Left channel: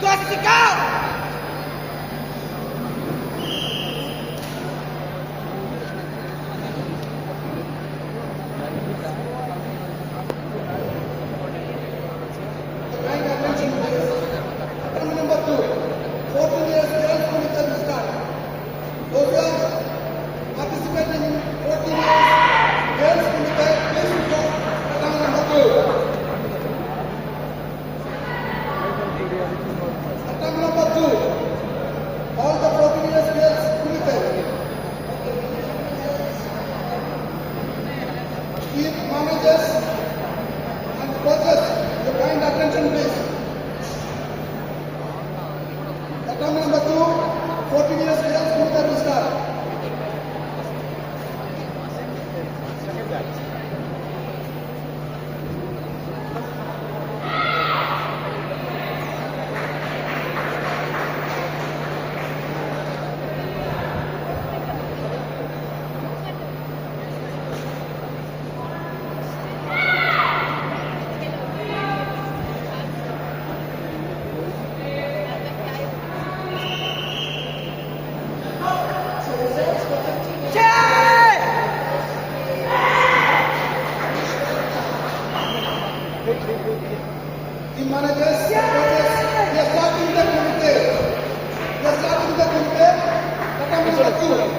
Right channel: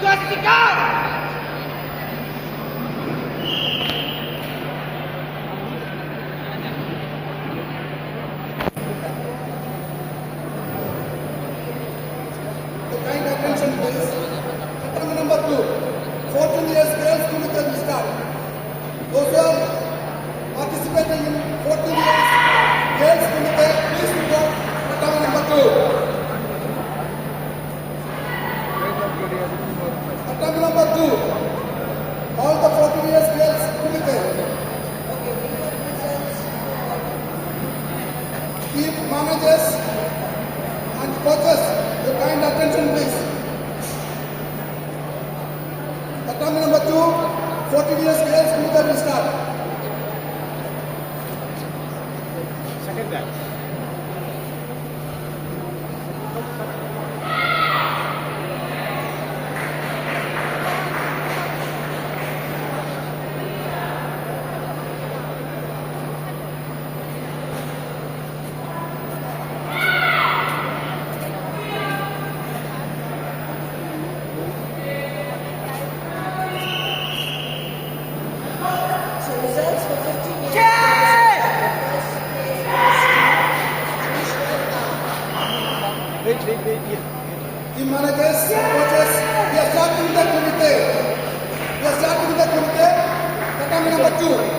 Classical! Keep managers and coaches your kind attention, please. Attempt number 2, 14 years girls cricket will start. Second batch. The managers, coaches, they are starting the committee. Attempt number 2.